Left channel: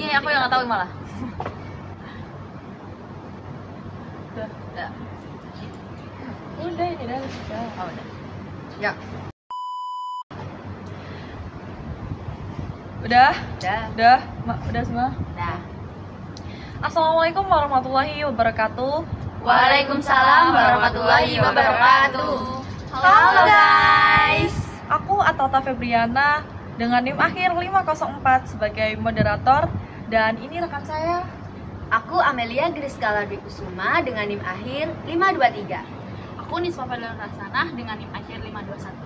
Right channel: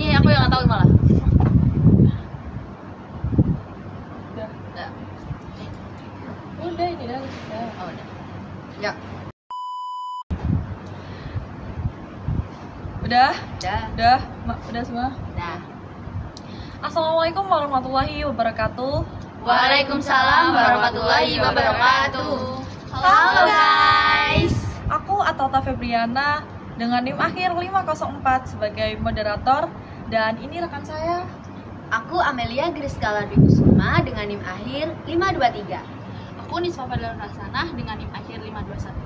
Ini aku yang nggak tahu malah. Udah ini dah sudah. Oh, udah. Ya. Udah Udah semua. Nah. Assalamualaikum warahmatullahi wabarakatuh. Waalaikumsalam warahmatullahi wabarakatuh. Halo guys. Aku Atlata Febriana dengan NIM akhir 504 sebagai moderator, dan ini rekan saya. Aku Amelia Griskala Dwi Kusuma dengan NIM akhir 523. Aku Nisfa Fadlan Rasanah dengan NIM akhir 521.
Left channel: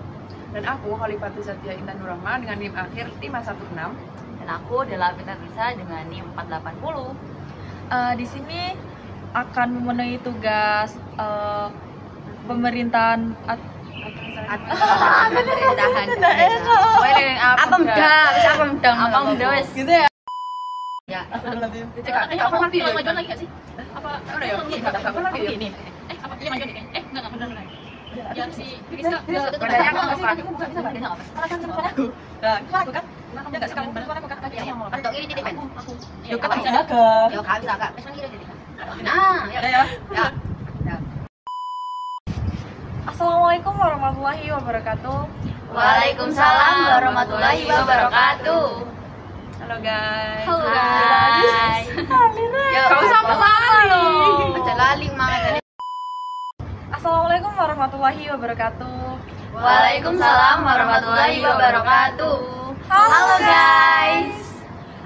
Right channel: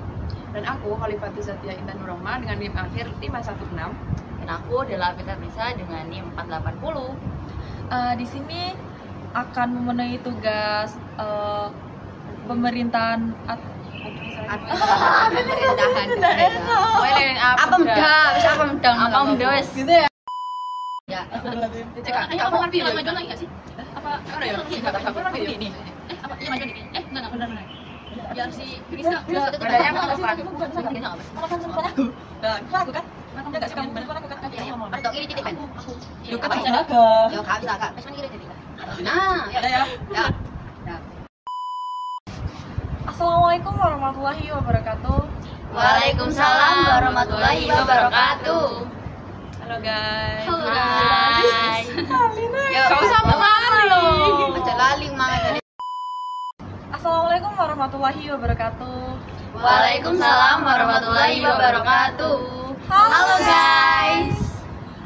Dan aku Khalifatul Satya Intan Nurrahma dengan NIM akhir 516. Dan aku Dela Pita Risa dengan NIM 480. Di sini akan memenuhi tugas pemerintahan Pemerintahan wes gitu ya. Ya. Kamu ngerti yang maju lagi nggak sih? Apa Udah ya, kamu pernah video ini? Apa iya maju nih? Enggak benar. Biar si Rizka Badannya aku nggak pernah. Aku kan nggak suka banget aku kan. Atau ini titik kan? Yuk kan Apa? agak. Yo kami kakak. Mas kira jadi kan. Nah, ya. Ya. Assalamualaikum warahmatullahi wabarakatuh. Waalaikumsalam warahmatullahi wabarakatuh. Halo guys. Halo guys. Yo, Kau sama kali. Baca lali mangat tadi. Assalamualaikum warahmatullahi wabarakatuh. Waalaikumsalam warahmatullahi wabarakatuh. Halo guys.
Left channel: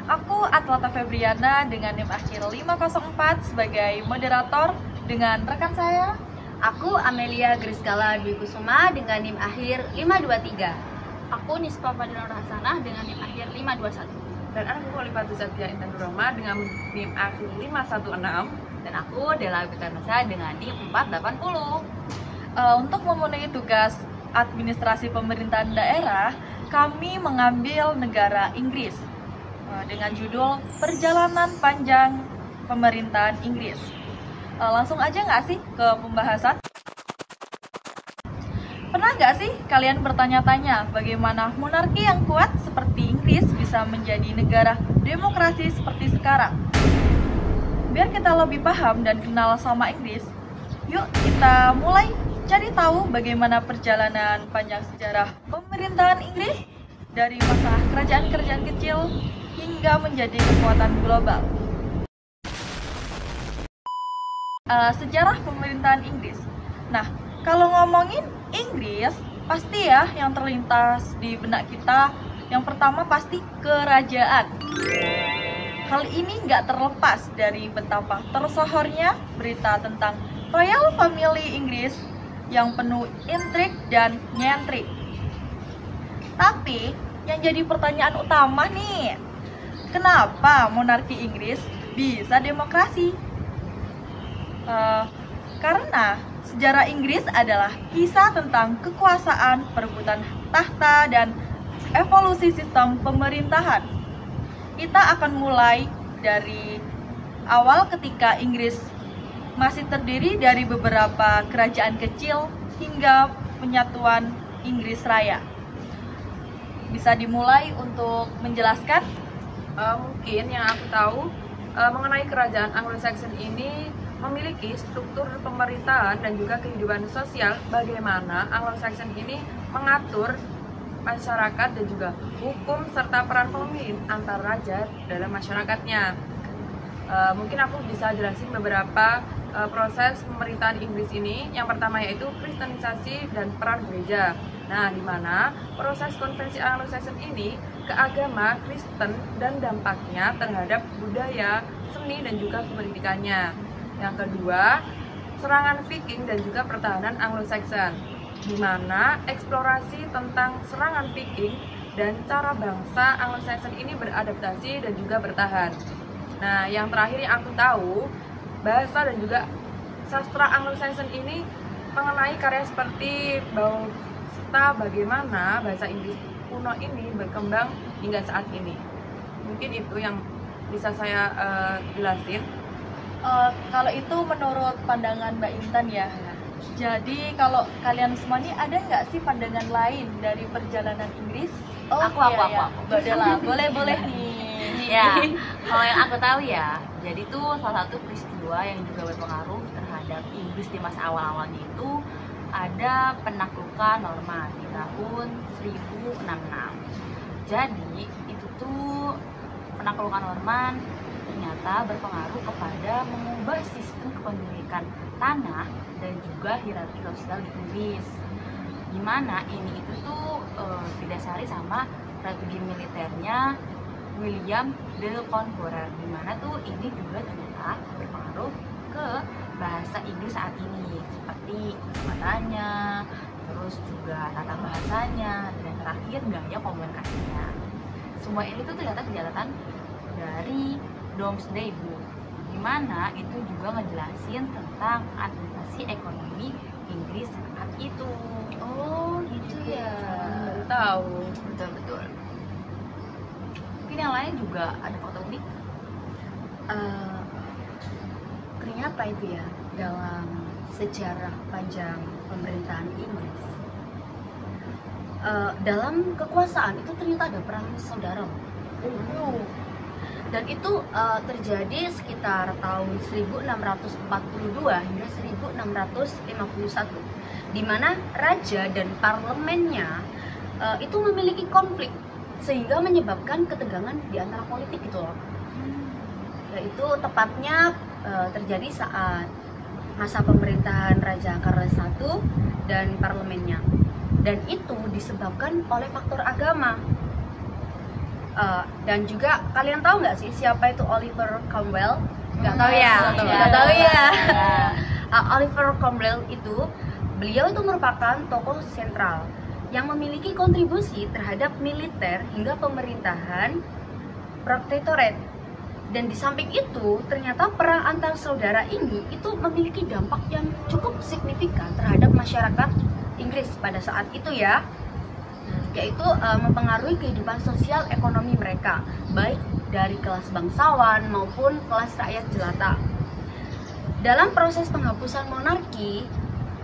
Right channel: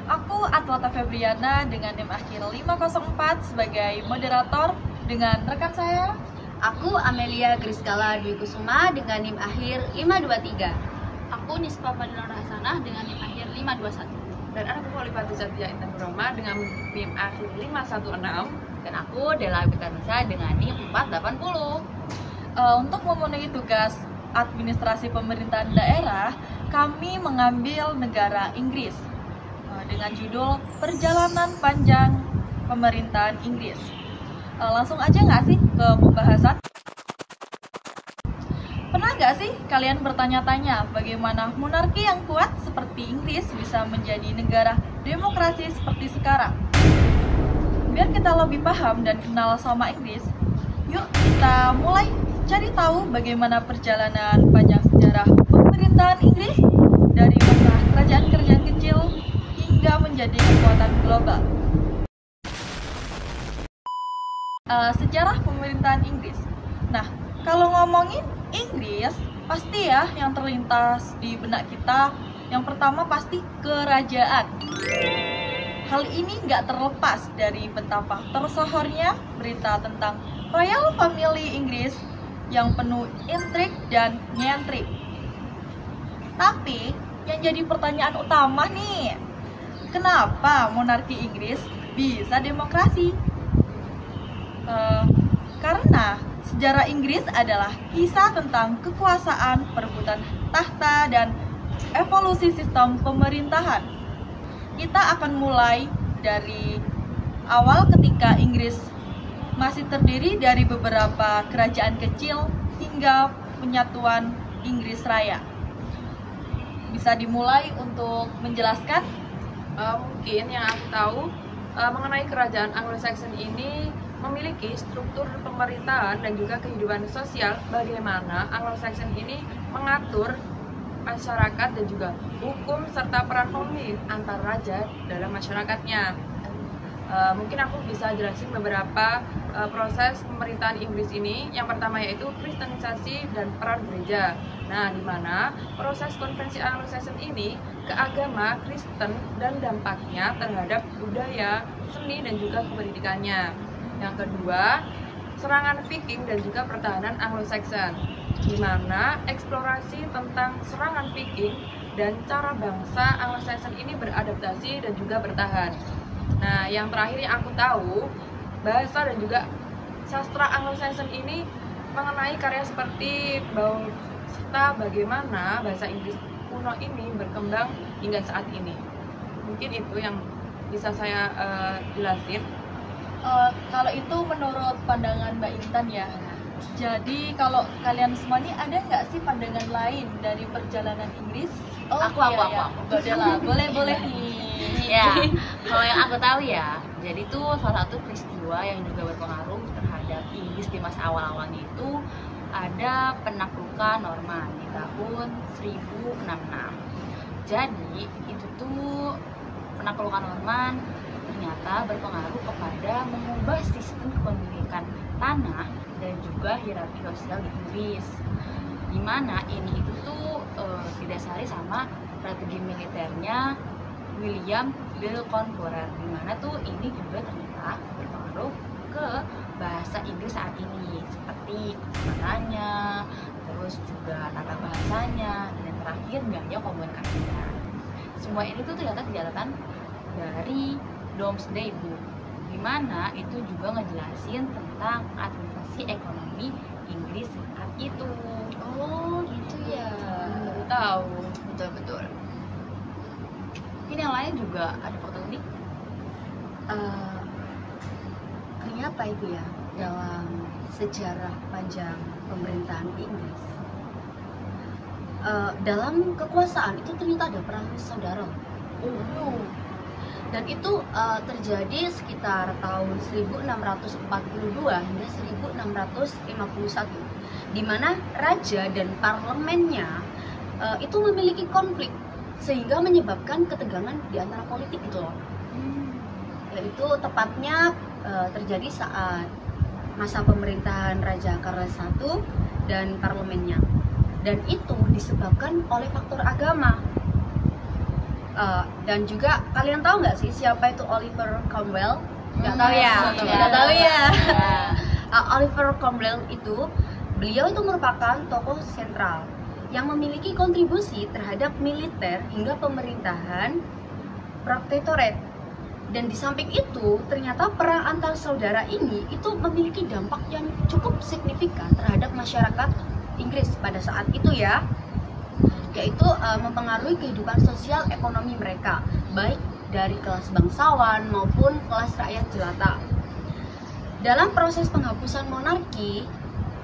Aku Atlata Febriana dengan NIM akhir 504 sebagai moderator dengan rekan saya. Aku Amelia Griskala Dwi Kusuma dengan NIM akhir 523. Aku Nisfa Fadlan Rasanah dengan NIM akhir 521. Dan aku Khalifatul Satya Intan Nurrahma dengan NIM akhir 516. Dan aku Dela Pita Risa dengan NIM 480. Untuk memenuhi tugas administrasi pemerintahan daerah, kami mengambil negara Inggris dengan judul Perjalanan Panjang Pemerintahan Inggris. Langsung aja nggak sih ke pembahasan? Pernah nggak sih kalian bertanya-tanya bagaimana monarki yang kuat seperti Inggris bisa menjadi negara demokrasi seperti sekarang? Biar kita lebih paham dan kenal sama Inggris, yuk kita mulai cari tahu bagaimana perjalanan panjang sejarah pemerintahan Inggris dari masa kerajaan-kerajaan kecil hingga menjadi kekuatan global. Sejarah pemerintahan Inggris. Nah, kalau ngomongin Inggris, pasti ya yang terlintas di benak kita yang pertama pasti kerajaan. Hal ini nggak terlepas dari betapa tersohornya berita tentang Royal Family Inggris yang penuh intrik dan nyentrik. Tapi yang jadi pertanyaan utama nih, kenapa monarki Inggris bisa demokrasi? Karena sejarah Inggris adalah kisah tentang kekuasaan, perebutan tahta, dan evolusi sistem pemerintahan. Kita akan mulai dari awal ketika Inggris masih terdiri dari beberapa kerajaan kecil hingga penyatuan Inggris Raya. Bisa dimulai untuk menjelaskan? Mungkin yang aku tahu mengenai kerajaan Anglo-Saxon ini memiliki struktur pemerintahan dan juga kehidupan sosial bagaimana Anglo-Saxon ini mengatur masyarakat dan juga hukum serta peran pemimpin antar raja dalam masyarakatnya. Mungkin aku bisa jelasin beberapa proses pemerintahan Inggris ini. Yang pertama yaitu kristenisasi dan peran gereja. Nah, di mana proses konversi Anglo-Saxon ini ke agama Kristen dan dampaknya terhadap budaya, seni dan juga kependidikannya. Yang kedua, serangan Viking dan juga pertahanan Anglo-Saxon, di mana eksplorasi tentang serangan Viking dan cara bangsa Anglo-Saxon ini beradaptasi dan juga bertahan. Nah, yang terakhir yang aku tahu, bahasa dan juga sastra Anglo-Saxon ini mengenai karya seperti Beowulf serta bagaimana bahasa Inggris kuno ini berkembang hingga saat ini. Mungkin itu yang bisa saya jelasin. Kalau itu menurut pandangan Mbak Intan ya. Jadi kalau kalian semua nih ada nggak sih pandangan lain dari perjalanan Inggris? Aku. Mbak Dela, boleh nih. Ya, kalau yang aku tahu ya, jadi tuh salah satu peristiwa yang juga berpengaruh terhadap Inggris di masa awal-awalnya itu ada penaklukan Norman di tahun 1066. Jadi itu tuh penaklukan Norman ternyata berpengaruh kepada mengubah sistem kepemilikan tanah dan juga hierarki sosial di Inggris. Dimana ini itu tuh didasari sama strategi militernya William de Conqueror, dimana tuh ini juga ternyata berpengaruh ke bahasa Inggris saat ini seperti kosakatanya, terus juga tata bahasanya, dan terakhir gaya komunikasinya. Semua ini tuh ternyata catatan dari Domesday Book, dimana itu juga ngejelasin tentang administrasi ekonomi Inggris saat itu. Oh gitu ya. Baru tahu. Betul. Mungkin yang lain juga ada fakta unik. Ternyata itu ya, dalam sejarah panjang pemerintahan Inggris, dalam kekuasaan itu ternyata ada perang saudara. Dan itu terjadi sekitar tahun 1642 hingga 1651, di mana raja dan parlemennya itu memiliki konflik sehingga menyebabkan ketegangan di antara politik gitu loh. Yaitu tepatnya terjadi saat masa pemerintahan Raja Charles I dan parlemennya, dan itu disebabkan oleh faktor agama. Dan juga kalian tahu nggak sih siapa itu Oliver Cromwell? Nggak tahu ya? Nggak tahu ya. Oliver Cromwell itu, beliau itu merupakan tokoh sentral yang memiliki kontribusi terhadap militer hingga pemerintahan protektorat. Dan di samping itu, ternyata perang antar saudara ini itu memiliki dampak yang cukup signifikan terhadap masyarakat Inggris pada saat itu ya, yaitu mempengaruhi kehidupan sosial ekonomi mereka, baik dari kelas bangsawan maupun kelas rakyat jelata. Dalam proses penghapusan monarki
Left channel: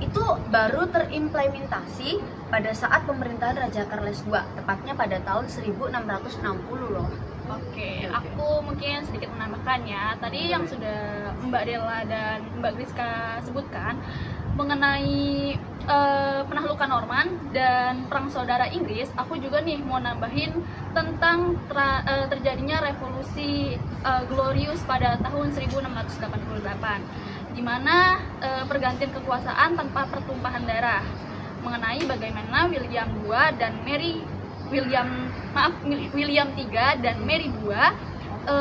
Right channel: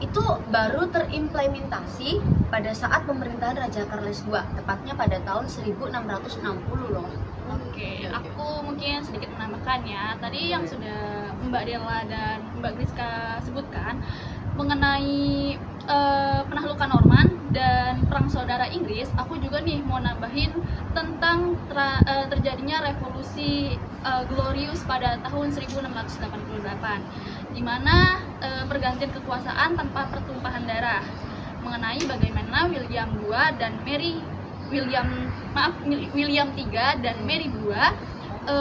itu baru terimplementasi pada saat pemerintahan Raja Charles II, tepatnya pada tahun 1660 loh. Oke, aku mungkin sedikit menambahkan ya. Tadi yang sudah Mbak Della dan Mbak Griska sebutkan mengenai penaklukan Norman dan perang saudara Inggris, aku juga nih mau nambahin tentang terjadinya revolusi glorious pada tahun 1688, di mana pergantian kekuasaan tanpa pertumpahan darah, mengenai bagaimana William III dan Mary II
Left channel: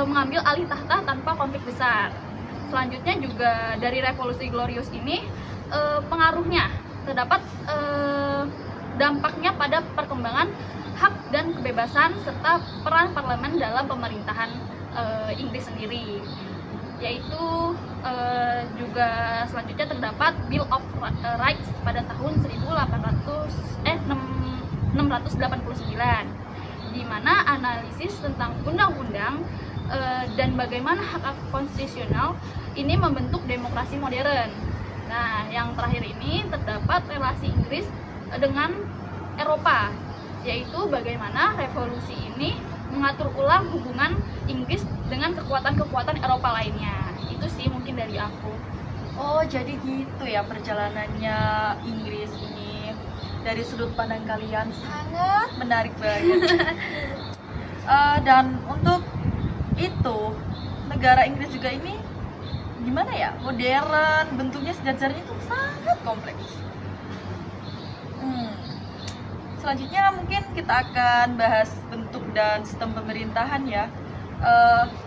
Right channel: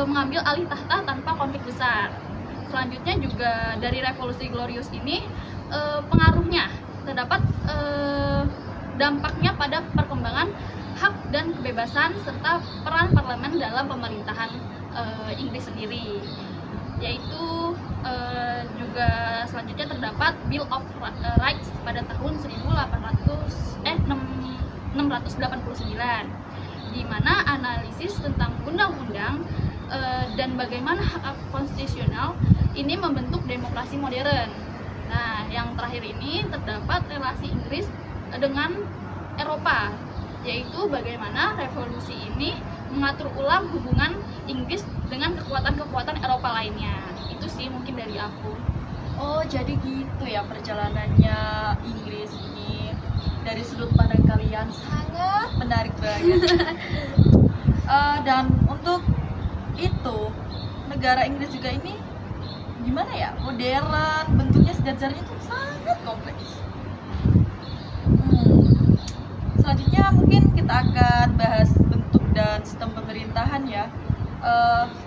mengambil alih tahta tanpa konflik besar. Selanjutnya juga dari revolusi glorious ini pengaruhnya terdapat dampaknya pada perkembangan hak dan kebebasan serta peran parlemen dalam pemerintahan Inggris sendiri, yaitu juga selanjutnya terdapat Bill of Rights pada tahun 689, di mana analisis tentang undang-undang dan bagaimana hak konstitusional ini membentuk demokrasi modern. Nah, yang terakhir ini terdapat relasi Inggris dengan Eropa, yaitu bagaimana revolusi ini mengatur ulang hubungan Inggris dengan kekuatan-kekuatan Eropa lainnya. Itu sih mungkin dari aku. Oh, jadi gitu ya perjalanannya Inggris ini. Dari sudut pandang kalian sangat menarik banget. Dan untuk itu, negara Inggris juga ini gimana ya, modern, bentuknya sejarahnya itu sangat kompleks. Selanjutnya mungkin kita akan bahas bentuk dan sistem pemerintahan ya.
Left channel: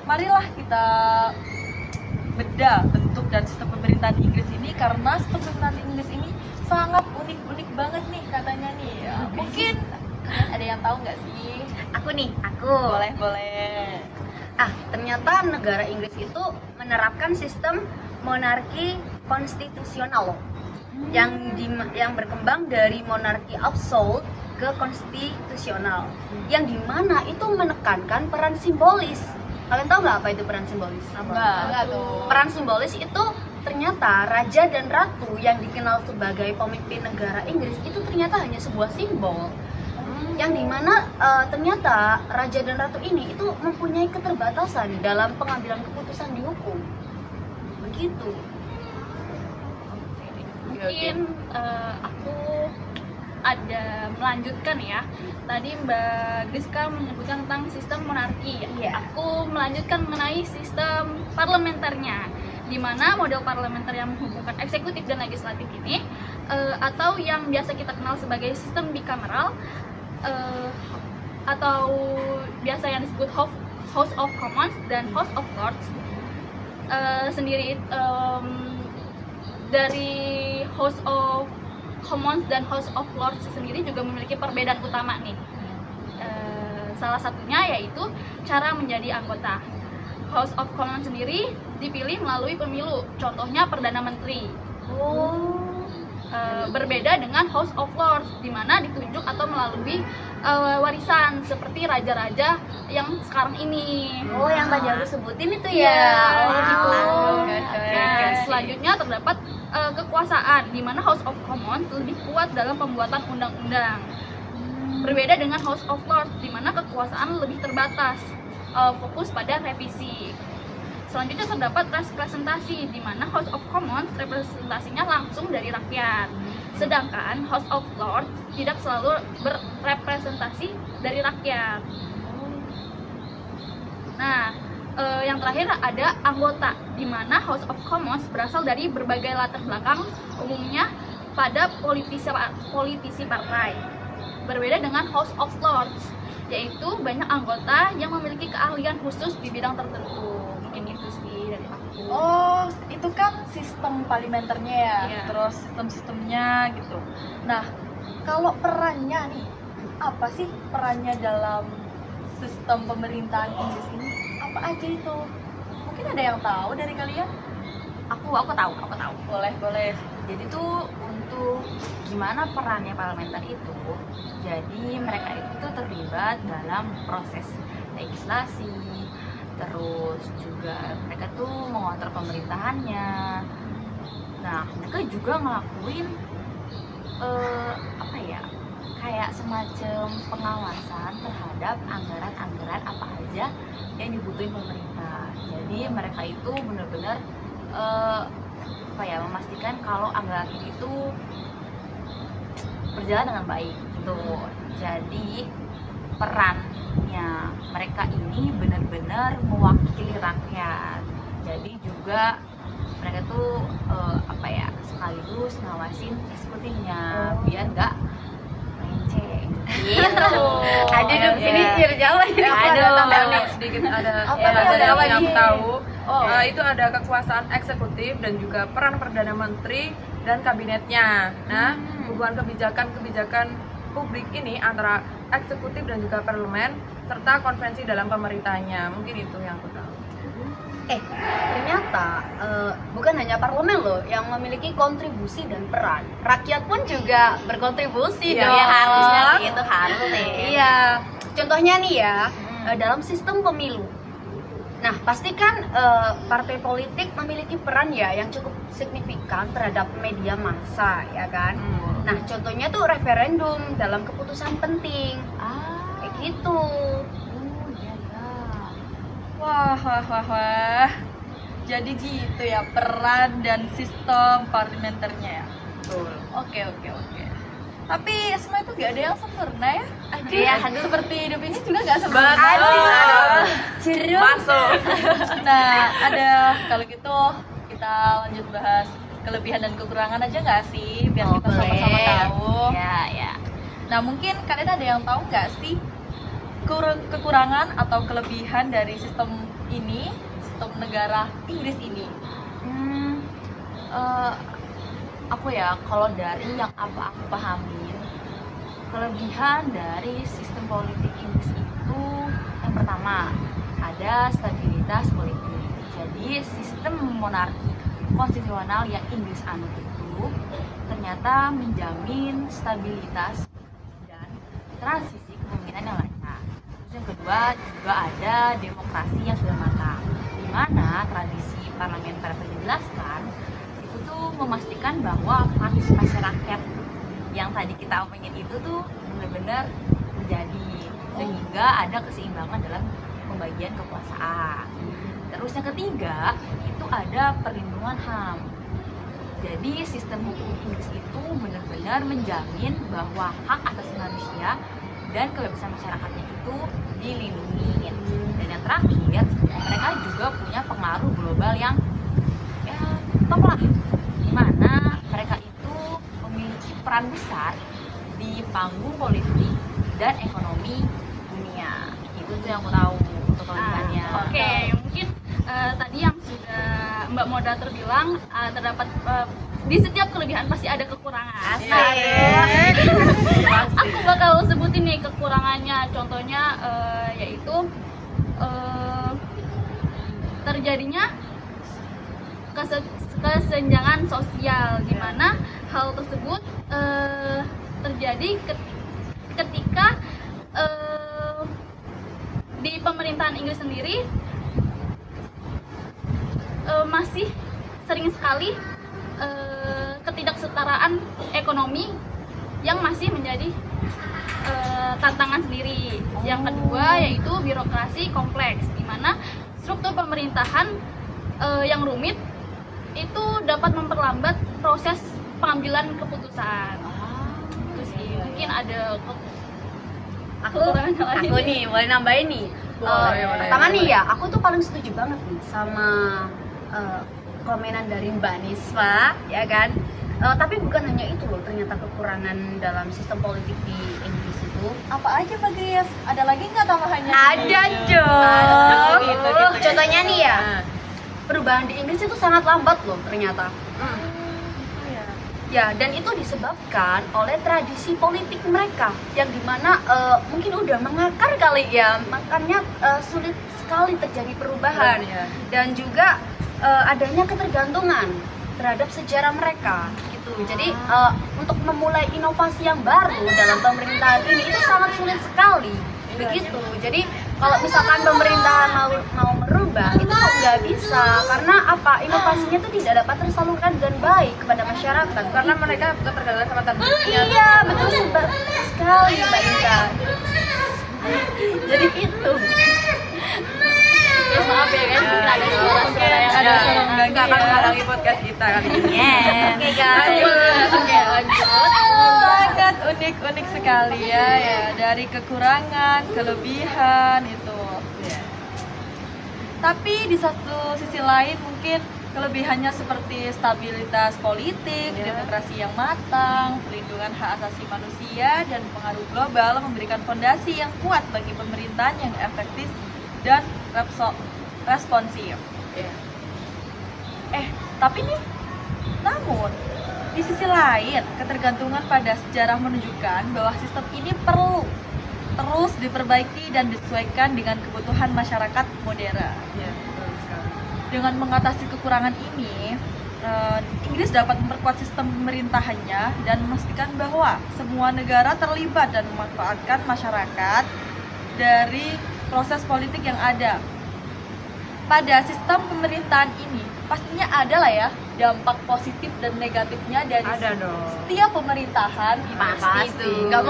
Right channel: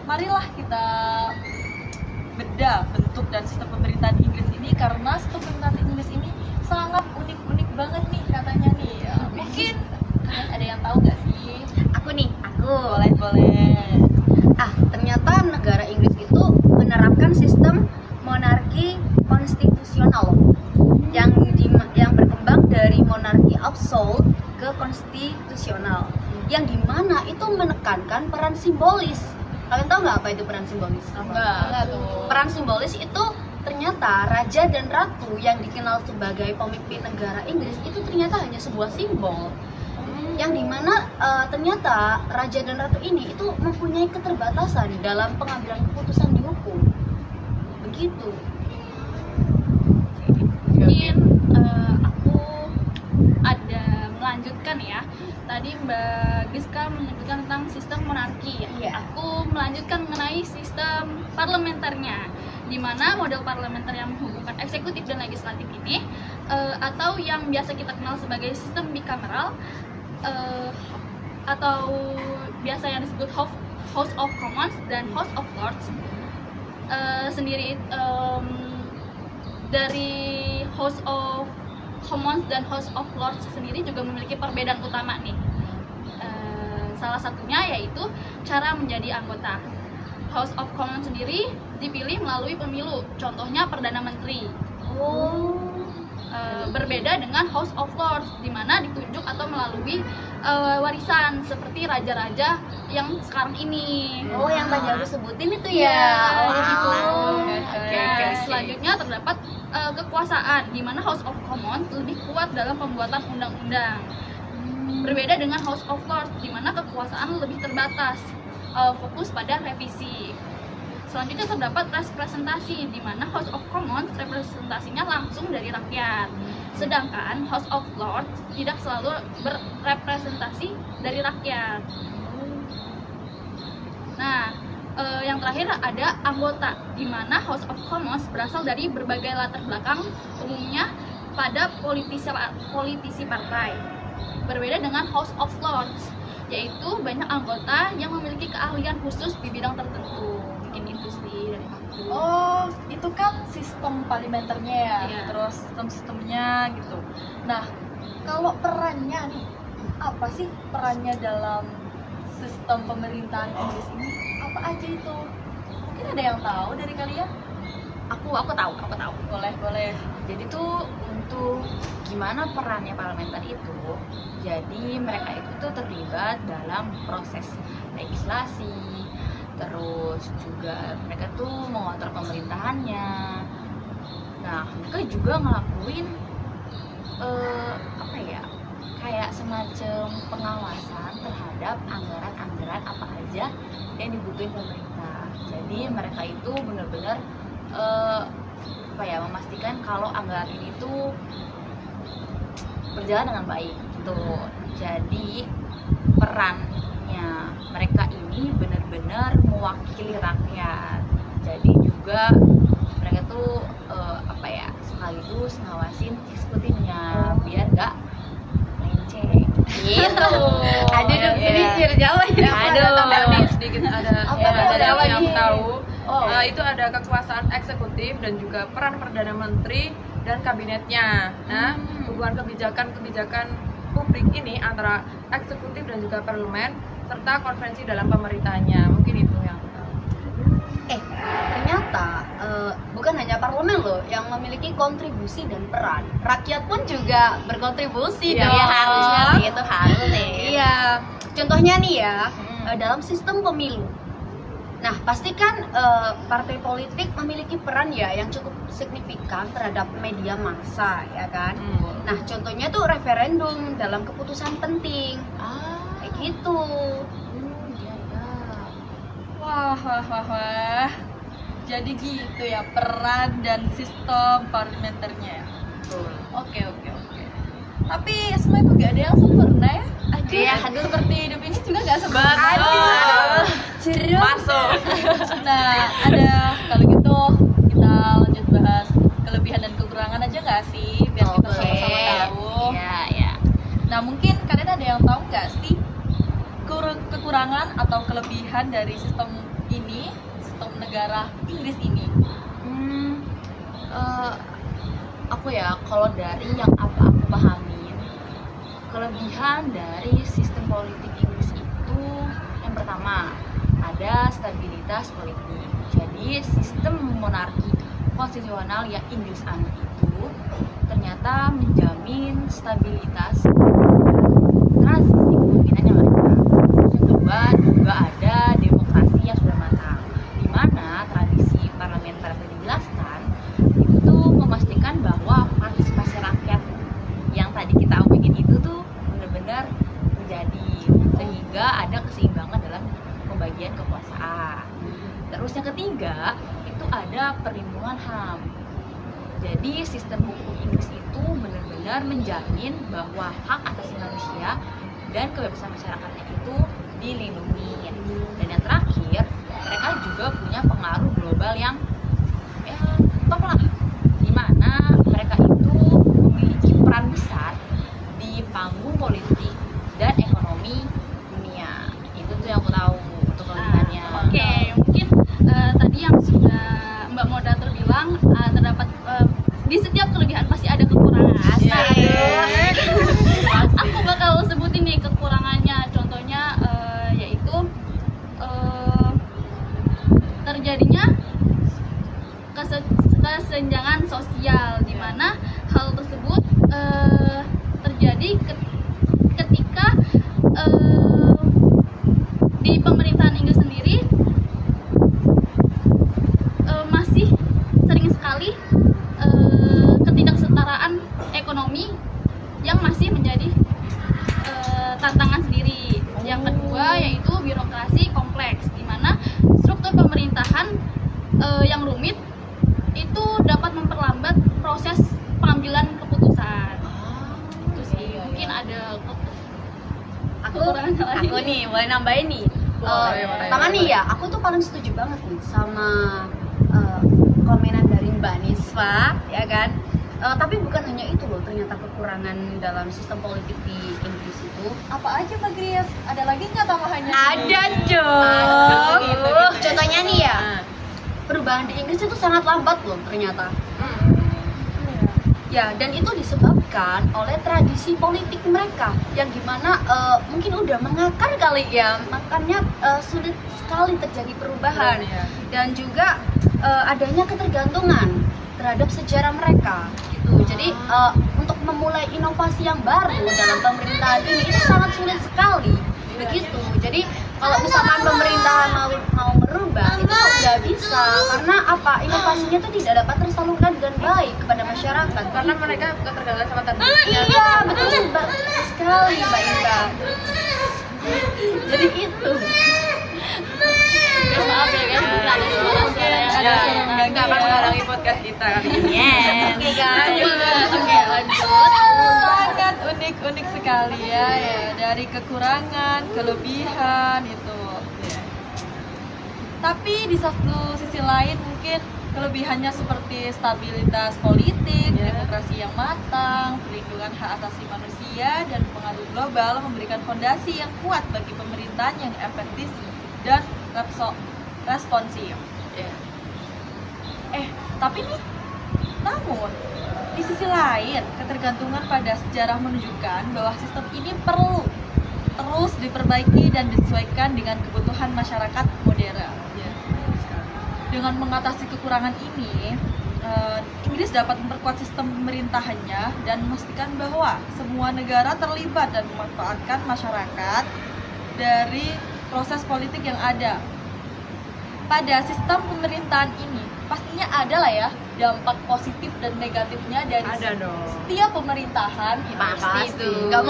Marilah kita bedah bentuk dan sistem pemerintahan Inggris ini, karena sistem pemerintahan Inggris ini sangat unik banget nih katanya nih ya. Mungkin kalian ada yang tahu nggak sih? Aku. Boleh. Ternyata negara Inggris itu menerapkan sistem monarki konstitusional yang berkembang dari monarki absolut ke konstitusional, yang dimana itu menekankan peran simbolis. Kalian tahu nggak apa itu peran simbolis? Peran simbolis itu ternyata raja dan ratu yang dikenal sebagai pemimpin negara Inggris itu ternyata hanya sebuah simbol. yang dimana ternyata raja dan ratu ini itu mempunyai keterbatasan dalam pengambilan keputusan di hukum. Begitu. Mungkin aku ada melanjutkan ya. Tadi Mbak Griska menyebutkan tentang sistem monarki. Iya. Aku melanjutkan mengenai sistem parlementernya, di mana model parlementer yang menghubungkan eksekutif dan legislatif ini, atau yang biasa kita kenal sebagai sistem bicameral, atau biasa yang disebut House of Commons dan House of Lords, sendiri dari House of Commons dan House of Lords sendiri juga memiliki perbedaan utama nih. Salah satunya yaitu cara menjadi anggota. House of Commons sendiri dipilih melalui pemilu, contohnya Perdana Menteri. Berbeda dengan House of Lords, di mana ditunjuk atau melalui warisan seperti raja-raja yang sekarang ini. Oh, yang tadi aku sebutin itu Iya, ya. gitu. Oke. Nah, selanjutnya terdapat kekuasaan, di mana House of Commons lebih kuat dalam pembuatan undang-undang. Berbeda dengan House of Lords, di mana kekuasaan lebih terbatas, fokus pada revisi. Selanjutnya terdapat representasi, di mana House of Commons representasinya langsung dari rakyat, sedangkan House of Lords tidak selalu berrepresentasi dari rakyat. Nah, yang terakhir ada anggota, di mana House of Commons berasal dari berbagai latar belakang, umumnya pada politisi partai. Berbeda dengan House of Lords, yaitu banyak anggota yang memiliki keahlian khusus di bidang tertentu. Mungkin itu sih dari aku. Oh, itu kan sistem parlementernya ya, Iya. terus sistem-sistemnya gitu. Nah, kalau perannya nih, apa sih perannya dalam sistem pemerintahan Inggris ini? Apa aja itu? Mungkin ada yang tahu dari kalian? Aku tahu. Boleh. Jadi tuh untuk gimana perannya parlementer itu, jadi mereka itu tuh terlibat dalam proses legislasi, terus juga mereka tuh mengontrol pemerintahannya. Nah, mereka juga ngelakuin kayak semacam pengawasan terhadap anggaran-anggaran apa aja yang dibutuhin pemerintah. Jadi mereka itu benar-benar memastikan kalau anggaran ini tuh berjalan dengan baik gitu. Jadi perannya mereka ini benar-benar mewakili rakyat. Jadi juga mereka tuh sekaligus ngawasin eksekutifnya biar nggak melenceng gitu. Ada di sini jalan. Aku ada tambahan nih sedikit, ada yang aku tahu. Oh. Itu ada kekuasaan eksekutif dan juga peran Perdana Menteri dan kabinetnya. Nah, hubungan kebijakan publik ini antara eksekutif dan juga parlemen serta konvensi dalam pemerintahnya. Mungkin itu yang aku tahu. Ternyata bukan hanya parlemen loh yang memiliki kontribusi dan peran. Rakyat pun juga berkontribusi Iya, dong. harusnya sih, itu harus deh. Iya. Contohnya nih ya, dalam sistem pemilu. Nah, pastikan partai politik memiliki peran ya yang cukup signifikan terhadap media massa, ya kan? Nah, contohnya tuh referendum dalam keputusan penting. Kayak gitu. Wah. Jadi gitu ya peran dan sistem parlementernya ya. Betul. Oke. Tapi semua itu gak ada yang sempurna ya. Iya, Seperti hidup ini juga gak sempurna. Betul. Masuk. Nah, kalau gitu kita lanjut bahas kelebihan dan kekurangan aja nggak sih, biar kita sama-sama tahu. Ya. Nah, mungkin kalian ada yang tahu nggak sih kekurangan atau kelebihan dari sistem ini, sistem negara Inggris ini? Kalau dari yang aku pahami, kelebihan dari sistem politik Inggris itu yang pertama ada stabilitas politik. Jadi sistem monarki konstitusional yang Inggris anut itu ternyata menjamin stabilitas dan transisi kepemimpinan yang lancar. Yang kedua juga ada demokrasi yang sudah matang, di mana tradisi parlementer yang dijelaskan itu memastikan bahwa partisipasi rakyat yang tadi kita omongin itu tuh benar-benar terjaga juga ada keseimbangan dalam pembagian kekuasaan. Terus yang ketiga itu ada perlindungan HAM. Jadi sistem hukum Inggris itu benar-benar menjamin bahwa hak asasi manusia dan kebebasan masyarakatnya itu dilindungi. Dan yang terakhir, mereka juga punya pengaruh global yang top lah, di mana mereka itu memiliki peran besar di panggung politik dan ekonomi dunia. Itu tuh yang aku tahu untuk kelebihannya. Oke, mungkin tadi yang sudah Mbak Moderator bilang terdapat di setiap kelebihan pasti ada kekurangan. Aku bakal sebutin nih kekurangannya. Contohnya yaitu terjadinya kesenjangan sosial, di mana hal tersebut terjadi ketika di pemerintahan Inggris sendiri masih sering sekali ketidaksetaraan ekonomi yang masih menjadi tantangan sendiri. Yang kedua yaitu birokrasi kompleks, di mana struktur pemerintahan yang rumit itu dapat memperlambat proses pengambilan keputusan. Itu sih, mungkin ada kekurangan lain. Aku nih boleh nambahin nih. Pertama nih ya, aku tuh paling setuju banget nih sama komenan dari Mbak Nisfa, ya kan? Tapi bukan hanya itu loh, ternyata kekurangan dalam sistem politik di Inggris itu. Apa aja Pak Gries? Ada lagi nggak tambahannya? Ada dong. Contohnya nih ya, perubahan di Inggris itu sangat lambat loh ternyata. Ya, dan itu disebabkan oleh tradisi politik mereka yang dimana mungkin udah mengakar kali ya, makanya sulit sekali terjadi perubahan. Dan juga adanya ketergantungan terhadap sejarah mereka gitu. Jadi untuk memulai inovasi yang baru dalam pemerintahan ini itu sangat sulit sekali. Begitu. Jadi kalau misalkan pemerintahan mau merubah itu nggak bisa, karena apa, inovasinya itu tidak dapat tersalurkan dengan baik kepada masyarakat Karena mereka ketergantungan sama tradisinya. iya betul sekali Mbak Inta. Jadi gitu. Guys, maaf ya guys, mungkin ada suara-suara yang nggak akan menghalangi podcast kita kali ini. Oke guys. Oke, lanjut. Sangat unik-unik sekali ya, dari kekurangan, kelebihan itu. Tapi di satu sisi lain mungkin kelebihannya seperti stabilitas politik, demokrasi yang matang, perlindungan hak asasi manusia, dan pengaruh global memberikan fondasi yang kuat bagi pemerintahan yang efektif dan responsif. Tapi nih, namun di sisi lain ketergantungan pada sejarah menunjukkan bahwa sistem ini perlu terus diperbaiki dan disesuaikan dengan kebutuhan masyarakat modern. Dengan mengatasi kekurangan ini, Inggris dapat memperkuat sistem pemerintahannya dan memastikan bahwa semua negara terlibat dan memanfaatkan masyarakat dari proses politik yang ada. Pada sistem pemerintahan ini pastinya ada lah ya dampak positif dan negatifnya dari setiap pemerintahan. Pasti. Nggak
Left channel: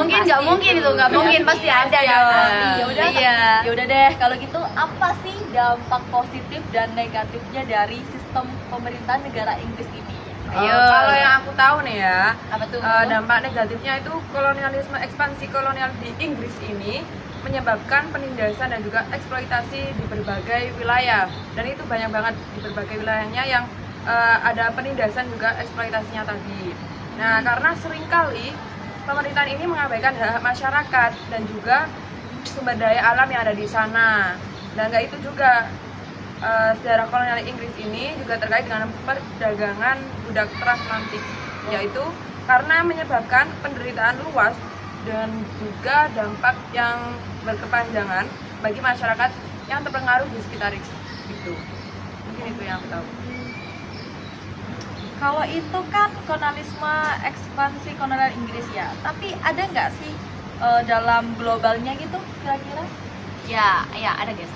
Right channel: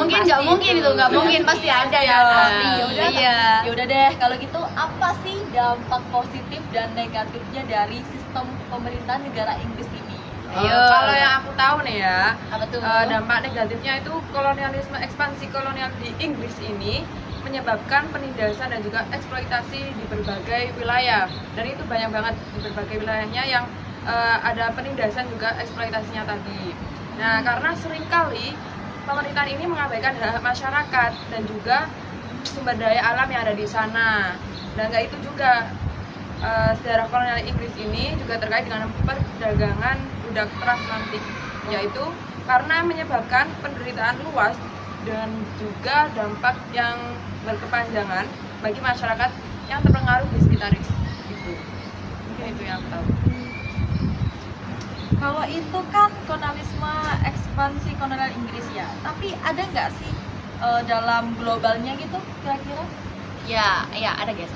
mungkin pasti ada ya. Ya udah deh, kalau gitu apa sih dampak positif dan negatifnya dari sistem pemerintahan negara Inggris ini? Kalau yang aku tahu nih ya, Apa tuh? dampak negatifnya itu kolonialisme, ekspansi kolonial di Inggris ini menyebabkan penindasan dan juga eksploitasi di berbagai wilayah, dan itu banyak banget di berbagai wilayahnya yang ada penindasan juga eksploitasinya tadi. Nah, karena seringkali pemerintahan ini mengabaikan hak masyarakat dan juga sumber daya alam yang ada di sana. Dan nggak itu juga, sejarah kolonial Inggris ini juga terkait dengan perdagangan budak transatlantik, yaitu karena menyebabkan penderitaan luas dan juga dampak yang berkepanjangan bagi masyarakat yang terpengaruh di sekitar itu. Mungkin itu yang aku tahu. Kalau itu kan kolonialisme, ekspansi kolonial Inggris ya. Tapi ada nggak sih dalam globalnya gitu kira-kira? Ya, ada guys.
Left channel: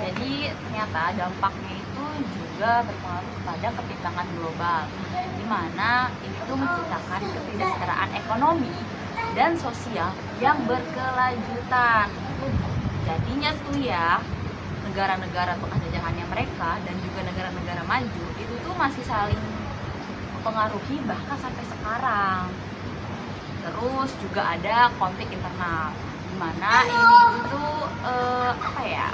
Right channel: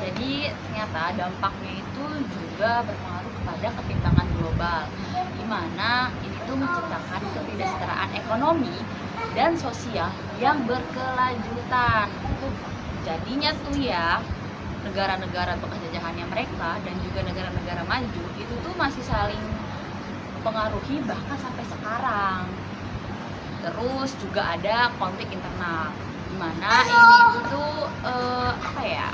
Jadi ternyata dampaknya itu juga berpengaruh kepada ketimpangan global, di mana itu menciptakan ketidaksetaraan ekonomi dan sosial yang berkelanjutan. Jadinya tuh ya, negara-negara bekas jajahannya mereka dan juga negara-negara maju itu tuh masih saling mempengaruhi bahkan sampai sekarang. Terus juga ada konflik internal, dimana ini itu kayak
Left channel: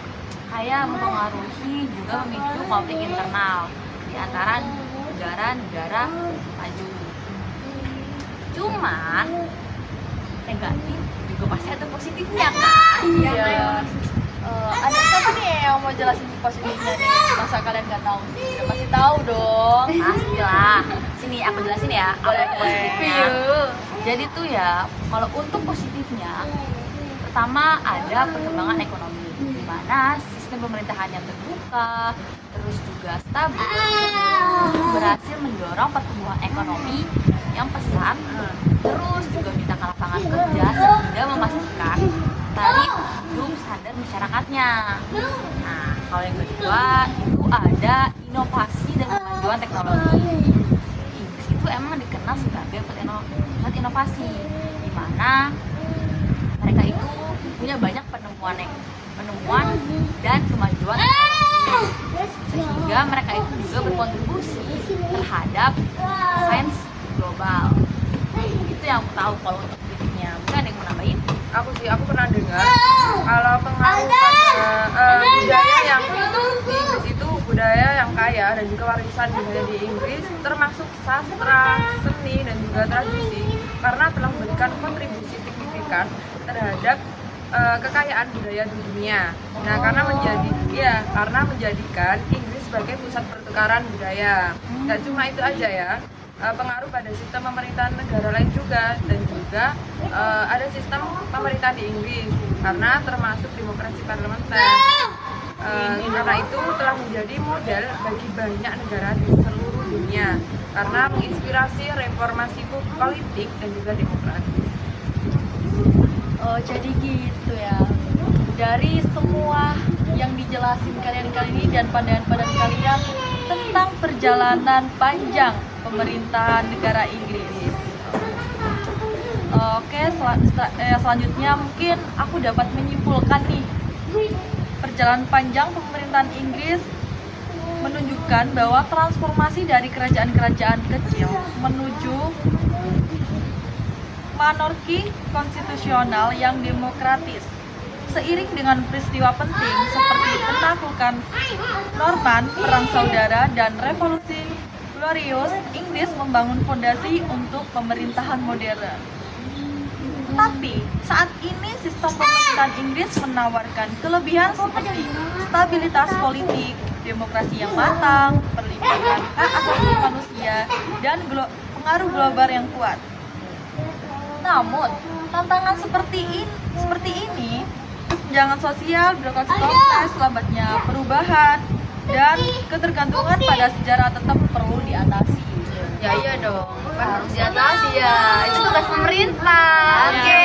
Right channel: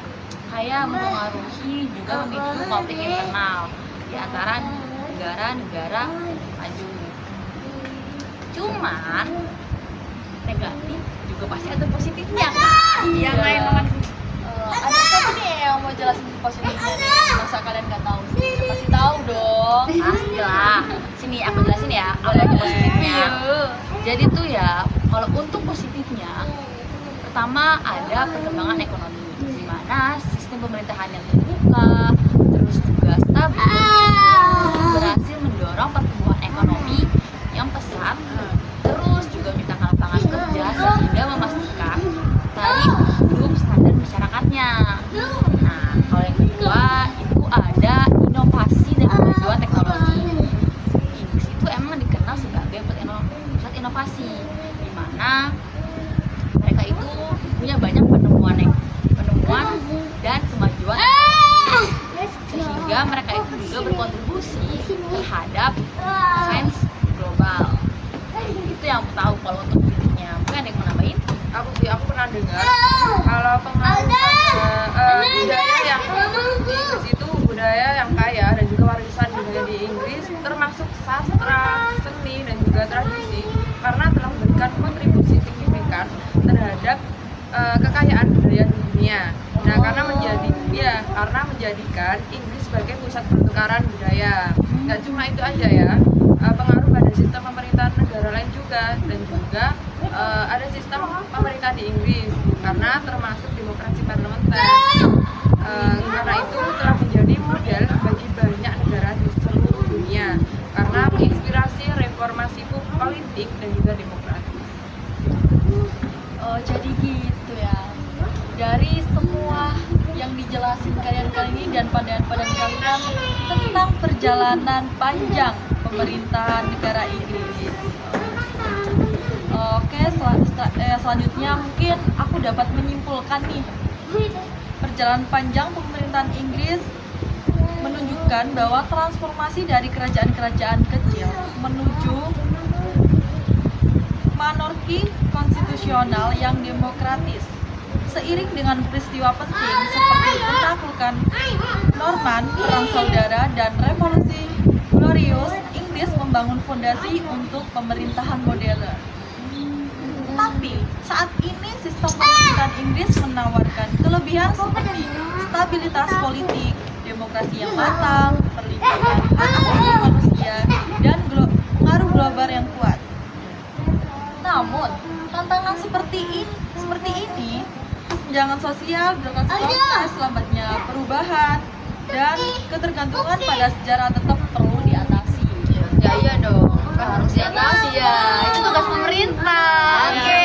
mempengaruhi juga memicu konflik internal di antara negara-negara maju. Cuman negatif juga pasti ada positifnya kan? Iya. Ada siapa nih yang mau jelasin positifnya nih? Masa kalian nggak tahu sih? Pasti tahu dong. Pastilah. Sini aku jelasin ya. Apa itu positifnya? Jadi tuh ya, kalau untuk positifnya, pertama ada perkembangan ekonomi, di mana sistem pemerintahan yang terbuka, terus juga stabil, itu berhasil mendorong pertumbuhan ekonomi yang pesat, terus juga menciptakan lapangan kerja sehingga memastikan taraf hidup standar masyarakatnya. Nah, kalau yang kedua itu ada inovasi dan kemajuan teknologi. Inggris itu emang dikenal sebagai pusat inovasi, di mana mereka itu punya banyak penemuan dan kemajuan sehingga mereka itu juga berkontribusi terhadap sains global. Itu yang aku tahu kalau untuk dirinya. Mungkin ada yang mau nambahin? Aku pernah dengar kalau pengaruh pada budaya yang di Inggris itu budaya yang kaya dan juga warisan budaya di Inggris termasuk sastra, seni dan juga tradisi karena telah memberikan kontribusi signifikan terhadap kekayaan budaya di dunia. Nah, karena menjadikan Inggris sebagai pusat pertukaran budaya. Nggak cuma itu aja ya, pengaruh pada sistem pemerintahan negara lain juga, dan juga ada sistem pemerintahan di Inggris karena termasuk demokrasi parlementer. Karena itu telah menjadi model bagi banyak negara di seluruh dunia karena menginspirasi reformasi politik dan juga demokrasi. Oh, jadi gitu ya. Dari semua yang dijelasin kalian kali ini dan pandangan-pandangan kalian tentang perjalanan panjang pemerintahan negara Inggris. Oke, selanjutnya mungkin aku dapat menyimpulkan nih, perjalanan panjang pemerintahan Inggris menunjukkan bahwa transformasi dari kerajaan-kerajaan kecil menuju monarki konstitusional yang demokratis. Seiring dengan peristiwa penting seperti penaklukan Norman, Perang Saudara, dan Revolusi Glorious, Inggris membangun fondasi untuk pemerintahan modern. Tapi saat ini sistem pemerintahan Inggris menawarkan kelebihan seperti stabilitas politik, demokrasi yang matang, perlindungan hak asasi manusia, dan pengaruh global yang kuat. Namun, tantangan seperti ini, kesenjangan sosial, birokrasi kompleks, lambatnya perubahan, dan ketergantungan pada sejarah tetap perlu diatasi. Ya iya dong, harus diatasi ya. Itu tugas pemerintah. Oke.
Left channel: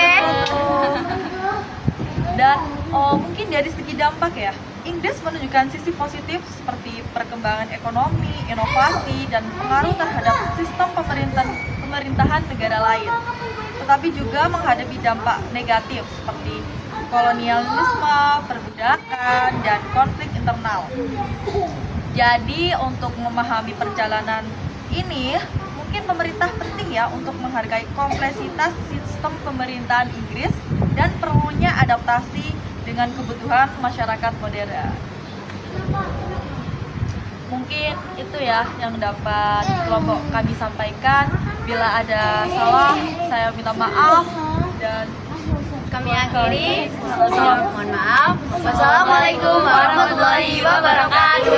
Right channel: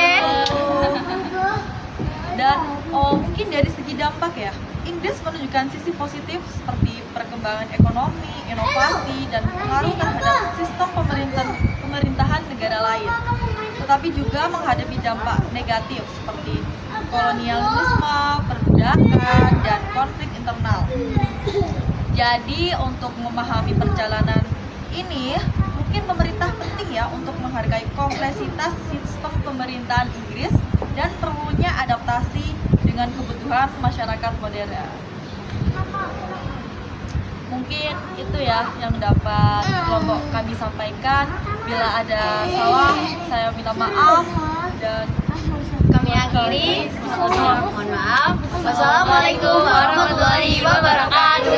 Dan mungkin dari segi dampak ya, Inggris menunjukkan sisi positif seperti perkembangan ekonomi, inovasi, dan pengaruh terhadap sistem pemerintahan negara lain. Tetapi juga menghadapi dampak negatif seperti kolonialisme, perbudakan, dan konflik internal. Jadi untuk memahami perjalanan ini, mungkin pemerintah penting ya untuk menghargai kompleksitas sistem pemerintahan Inggris dan perlunya adaptasi dengan kebutuhan masyarakat modern. Mungkin itu ya yang dapat kelompok kami sampaikan. Bila ada salah, saya minta maaf dan Kami akhiri. Mohon maaf. Wassalamualaikum warahmatullahi wabarakatuh.